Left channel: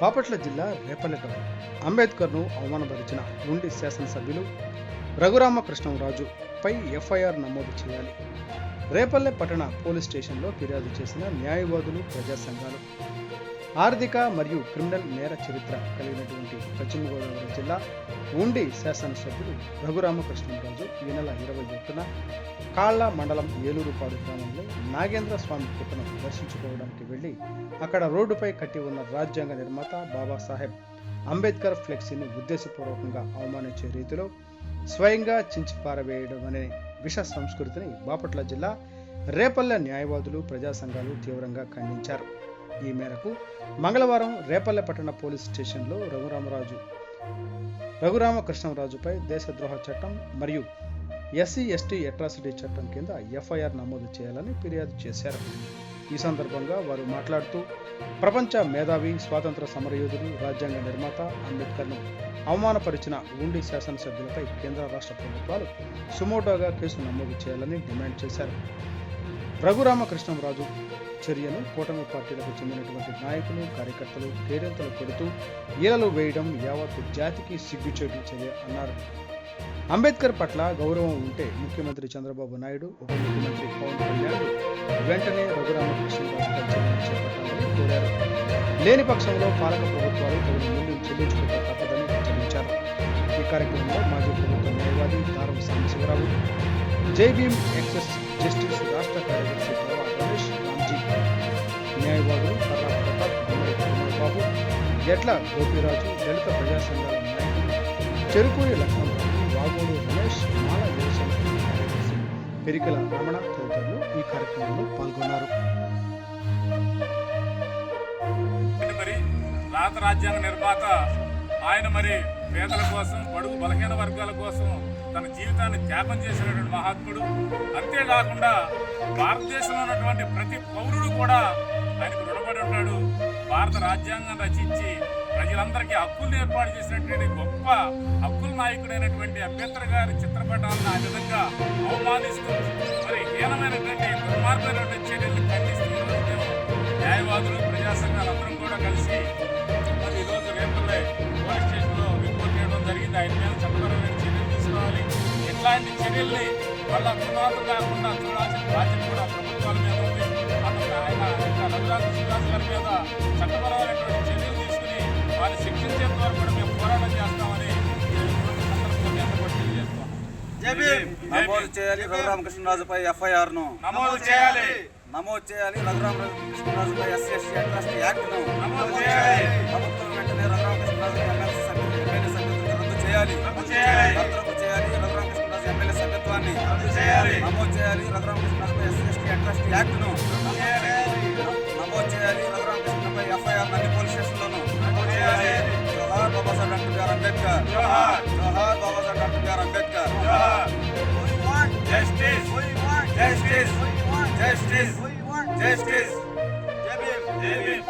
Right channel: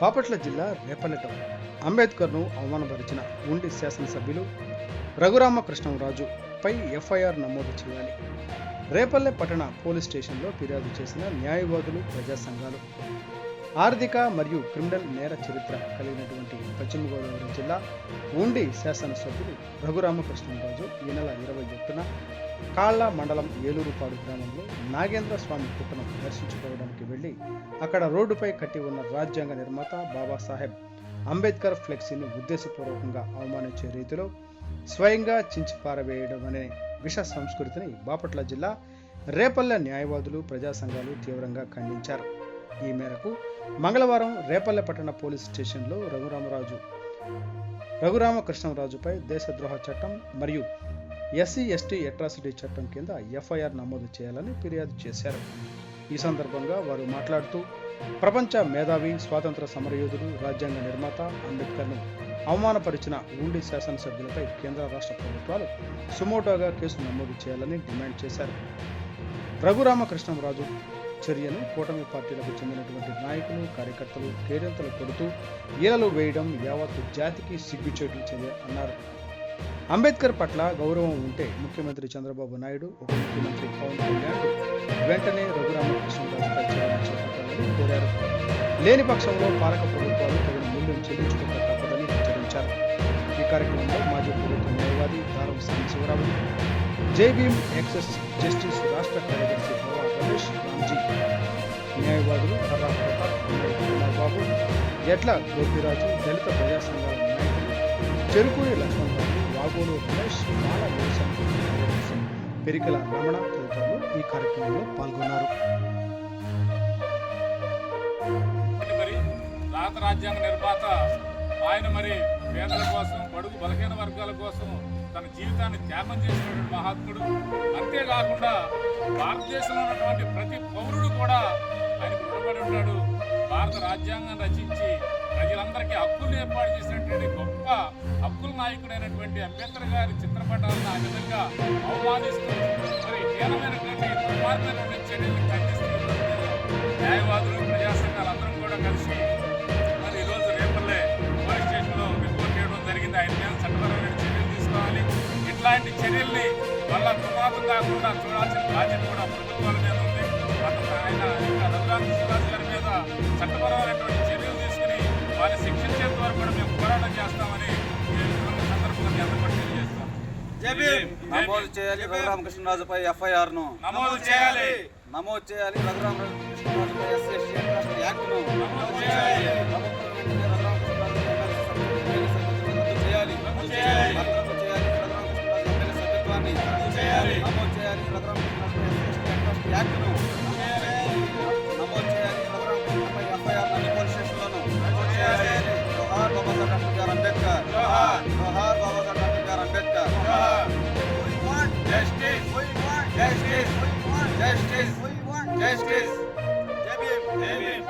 బాపట్ల జిల్లా రేపల్లె టౌన్ అంబేద్కర్ను అవమానపరిచిన ఉండి శాసనసభ్యులు రఘురామకృష్ణంరాజు పై ఎఫ్ఐఆర్ నమోదు చేయాలి. రేపల్లె పట్టణ పోలీస్ స్టేషన్లో ఫిర్యాదు చేసిన న్యాయవాదులు, ప్రజా సంఘాలు. ఆర్థిక మరియు క్రిమినల్ నేర చరిత్ర కలిగినటువంటి పశ్చిమ గోదావరి జిల్లా ఉండి శాసనసభ్యులు రఘురామకృష్ణంరాజు ఈ నెల 21న కాళ్ళ మండలం ఏలూరుపాడు గ్రామంలో నాగేంద్ర స్వామి పుట్టను దర్శించుకోవడానికి వెళ్లి అక్కడ రోడ్డుపై కట్టి ఉన్న రాజ్యాంగ నిర్మాత బాబాసాహెబ్ అంబేద్కర్ ఫ్లెక్సీని ఉద్దేశపూర్వకంగా అవమానించే రీతిలో స్వయంగా చించి పారవేయడం అనే విష సంస్కృతిని బాపట్ల జిల్లా రేపల్లె న్యాయవాదులు, ప్రజా సంఘాలు తీవ్రంగా ఖండించారు. ఈ మేరకు మంగళవారం రేపల్లె పట్టణ పోలీస్ స్టేషన్లో రఘురామకృష్ణంరాజుపై దేశద్రోహ చట్టం మరియు SC/ST అట్రాసిటీ చట్టం కింద ఎఫ్ఐఆర్ నమోదు చేయాలని ఫిర్యాదు చేశారు. ఈ సందర్భంగా వారు మాట్లాడుతూ ప్రపంచ మేధావి, స్వాతంత్ర సమరయోధుడు, రాజ్యాంగ నిర్మాత అంబేద్కర్ను అవమానపరిచిన ఉండి శాసనసభ్యులపై కేంద్ర, రాష్ట్ర ప్రభుత్వాలు సుమోటోగా కేసు నమోదు చేయాలని డిమాండ్ చేశారు. రఘురామకృష్ణంరాజు చర్యను కూటమి పార్టీలకు చెందినటువంటి నాయకులు, కార్యకర్తలు కేరింతలు కొడుతూ ఈలలు వేయడం యావత్తు జాతికి సిగ్గుచేటు చర్య అన్నారు. అంబేద్కర్ పట్ల గౌరవం ఉంటే ముఖ్యమంత్రి చంద్రబాబు నాయుడు, ఉప ముఖ్యమంత్రి పవన్ కళ్యాణ్ వెంటనే రఘురామకృష్ణంరాజుపై చర్యలు చేపట్టాలని కోరారు. లేని పక్షంలో పాలక ప్రభుత్వాలు తగిన మూల్యం చెల్లించుకోక తప్పదని హెచ్చరించారు. ఈ కార్యక్రమంలో మాజీ ప్రభుత్వ న్యాయవాది దారం సాంబశివరావు, జైభీం ఎక్సెస్ జస్టిస్ రాష్ట్ర కార్యదర్శి భవా రమేష్ రామ్జీ, న్యాయవాదులు కర్రా ప్రతాప్, గుమ్మడి కుమార్ బాబు, ఎడ్ల గోపిరాజు, దళిత ప్రజా సంఘాల నాయకులు చెరుకూరి లక్ష్మణరావు, వాగోడు రమేష్, మాల యువసేన కార్యదర్శి పెరికల రమణ తదితరులు ఈ కార్యక్రమంలో పాల్గొన్నారు. భారత రాజ్యాంగ నిర్మాత ఆయన పేదల కోసం, బడుగు బలహీన వర్గాల కోసం తన జీవితాన్ని త్యాగం చేసినటువంటి మహాత్ముడు. అంతేకాకుండా భారతదేశంలో ఉన్నటువంటి ప్రతి పౌరుడు కూడా ఆయనకు రుణపడి ఉంటాడు. భారత రాజ్యాంగం రచించి ప్రజలందరికీ హక్కులను ఏర్పాటు చేసినటువంటి గొప్ప హక్కుల నాయకుడైనటువంటి అంబేద్కర్ గారి చిత్రపటాలను ఆ విధంగా అవమానిస్తూ హీనమైనటువంటి దుర్మార్గమైనటువంటి చర్యలను ఖండిస్తూ ఈరోజు మేము న్యాయవాదులు, ప్రజా సంఘాలందరం కూడా కలిసి ఈరోజు రేపల్లె పోలీస్ స్టేషన్లో రిపోర్ట్ చేయడం జరిగింది. ఆయన మీద చట్టపరమైన చర్యలు తీసుకోవాలి. ఇట్లాంటి చర్యల్ని మళ్ళా పునాదులు కాకుండా చూడాల్సిన బాధ్యత కూడా ప్రభుత్వాల మీద ఉంది. ఆయన ఇంకా రఘురామకృష్ణరాజు గారి మీద చట్టపరమైనటువంటి చర్యలు తీసుకుని వారిని శిక్షించేంత వరకు కూడా మేము పోరాటం చేస్తామని ఈ సందర్భంగా అందరికీ తెలియజేస్తాం. నమోదు చేయాలి రఘురామకృష్ణరాజుపై ఎఫ్ఐఆర్ ను నమోదు చేయాలి. రఘురామకృష్ణరాజుపై SC/ST అట్రాసిటీ యాక్ట్ ను నమోదు చేయాలి. ప్రభుత్వం వెంటనే రఘురామకృష్ణరాజు ఎమ్మెల్యే సభ్యత్వం రద్దు చేయాలి. భద్రపు చేయాలి. రఘురామకృష్ణరాజు ఎమ్మెల్యే సభ్యత్వాన్ని రద్దు చేయాలి. నమోదు చేయాలి. రఘురామకృష్ణరాజుపై SC/ST అట్రాసిటీ యాక్ట్ ను నమోదు చేయాలి. రఘురామకృష్ణపై ఎఫ్ఐఆర్ అన్ని పోలీస్ స్టేషన్లోనూ నమోదు చేయాలి. జోహార్ బాబాసాహెబ్ డాక్టర్ అంబేద్కర్. జోహార్ Babasaheb doctor Ambedkar. Justice. Justice. Justice. Justice. Jai Bhim.